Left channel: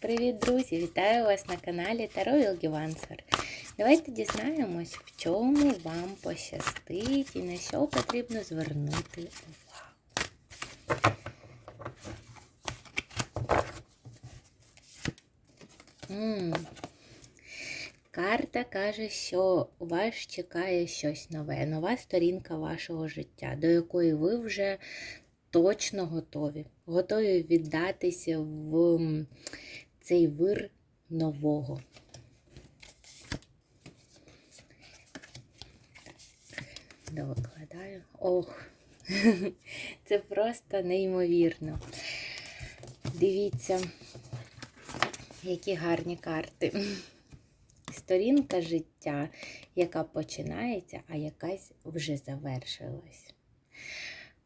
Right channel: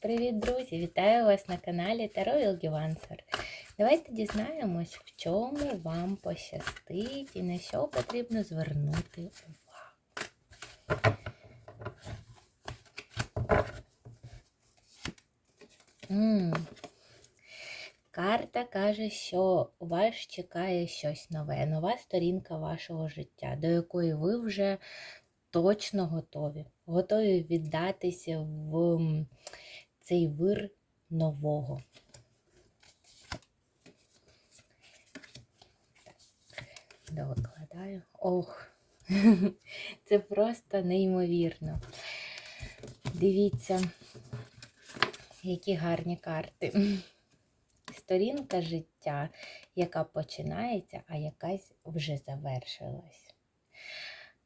Привіт, друзі! Вітаю вас на каналі Таро Вілгівансер. Давайте дізнаємось, в чому вам пощастить і на що потрібно звернути увагу. М. Карта каже, що вас чекає щось нове, нова сторінка вашого життя, до якої ви вже точно готові. Готові віддатися в м, цей вир нового. Довикладаю. Ох, це просто неймовірно. Дивіться, які гарні карти. Сторінка життя, яка починається, а якась вже завершилась.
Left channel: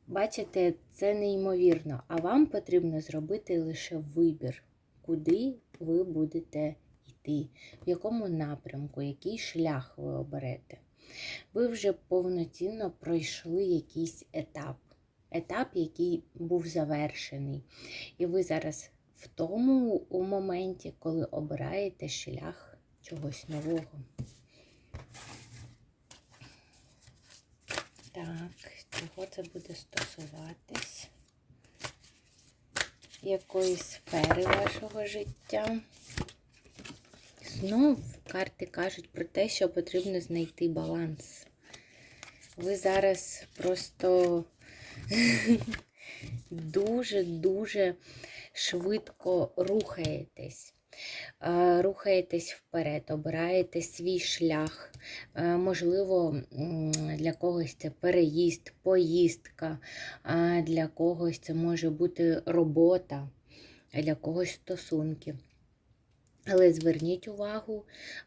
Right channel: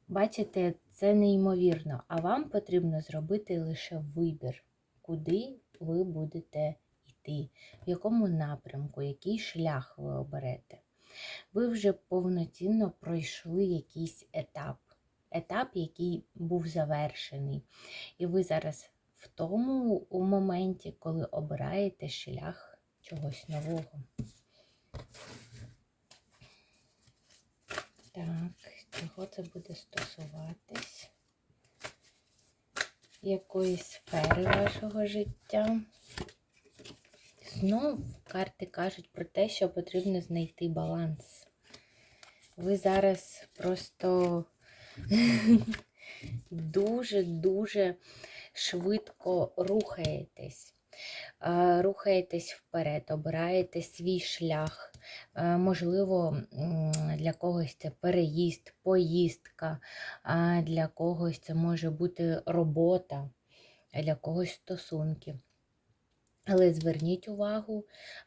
Бачите, це неймовірно, а вам потрібно зробити лише вибір, куди ви будете йти, в якому напрямку, який шлях ви оберете. Ви вже повноцінно пройшли якийсь етап, етап, який був завершений. І ви зараз в тому у моменті, коли обираєте шлях чогось нового. Так, чого це буде стосуватись? Якої сфери вашого життя? Знов карти кажуть про те, що потрібно знайти баланс. Ви зараз просто дуже-дуже швидко рухаєтесь. Е, Рухаєтесь вперед, обираєте свій шлях. Е, Можливо, для когось це переїзд, поїздка, для когось це може бути робота, для когось стосунки. Але зверніть увагу,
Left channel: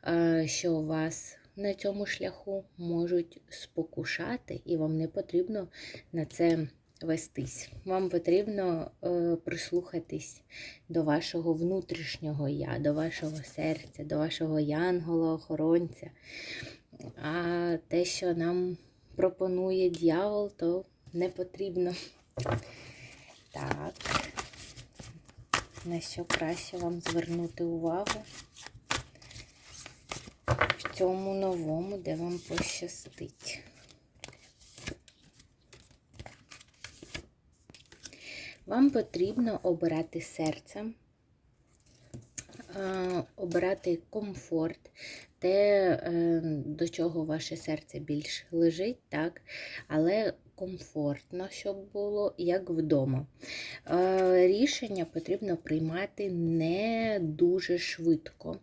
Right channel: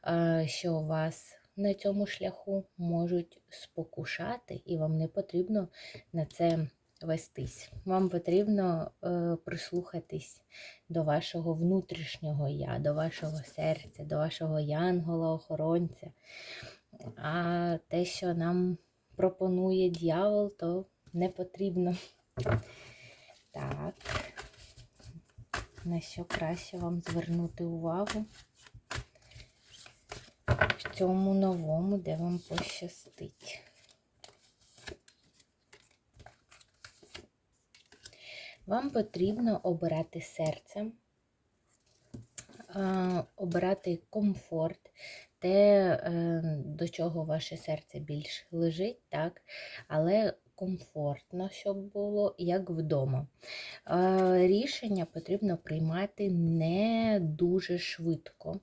е, що вас на цьому шляху можуть спокушати, і вам не потрібно на це вестись. Вам потрібно е, прислухатись до вашого внутрішнього я, до вашого серця, до вашого янгола-охоронця. А те, що нам пропонує дьявол, то не потрібно. Так, на що краще вам звернути увагу в цьому новому, де вам пощастить. Вам потрібно обирати серцем, е, обирати комфорт, те, е, до чого ваше серце більш лежить, так, але комфортно, щоб було, як вдома. Е, Рішення потрібно приймати не дуже швидко.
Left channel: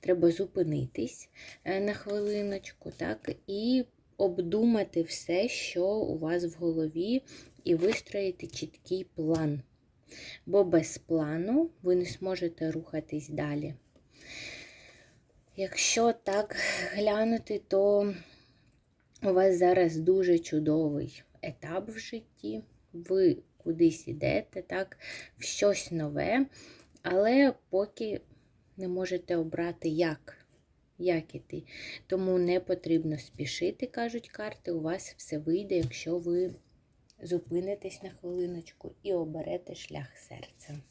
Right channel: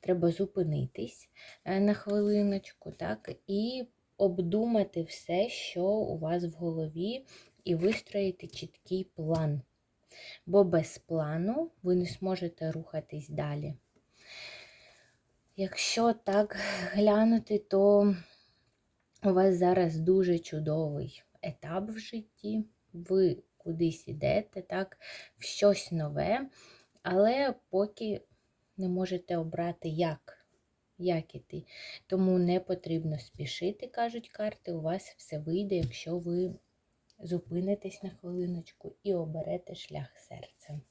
Треба зупинитись е, на хвилиночку, так, і обдумати все, що у вас в голові, і вистроїти чіткий план. Бо без плану ви не зможете рухатись далі. Якщо так глянути, то у вас зараз дуже чудовий етап в житті. Ви кудись ідете, так, в щось нове, але поки не можете обрати, як. Як іти. Тому не потрібно спішити, кажуть карти, у вас все вийде, якщо ви зупинитесь на хвилиночку і оберете шлях серцем.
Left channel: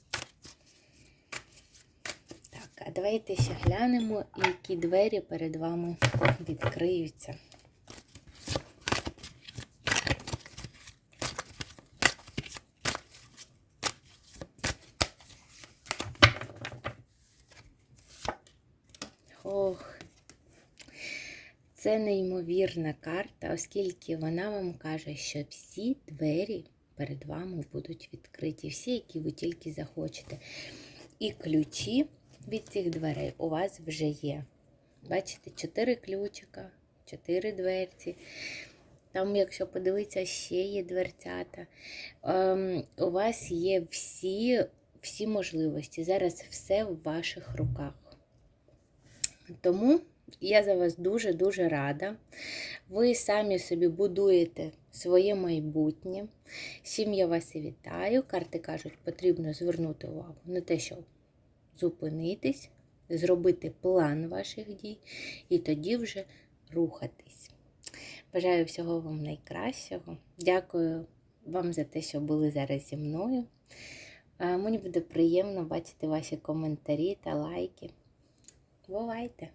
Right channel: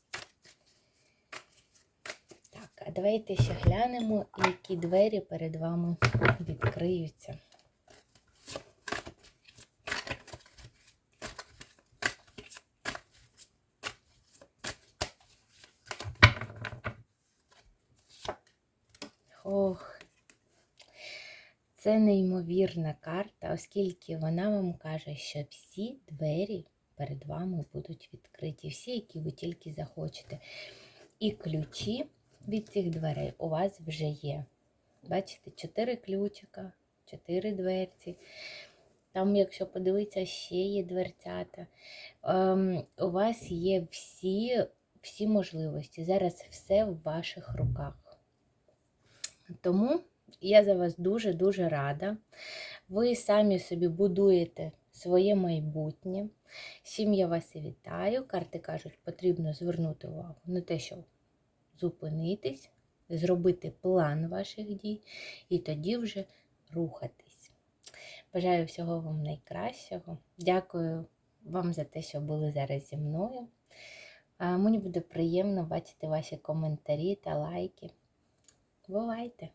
Так, а давайте ще глянемо, які двері перед вами відкриються. Ох, це неймовірна карта, оскільки вона вам каже, що всі двері перед вами будуть відкриті, всі, які ви тільки захочете. І ключі від цих дверей у вас вже є. Бачите, чотири ключика, чотири дверці. Там, якщо подивитися, ще є дверцята. Ем, у вас є всі, всі можливості. Зараз все в ваших руках. Тому я за вас дуже-дуже рада. Ви самі собі будуєте своє майбутнє. Всім я вас і вітаю. Карти кажуть, потрібно звернути увагу на те, щоб зупинитись, зробити план ваших дій і тоді вже рухатись. Бажаю всього вам найкращого. Дякую вам за те, що були зараз зі мною. Мені буде приємно бачити ваші коментарі та лайки. Бувайте!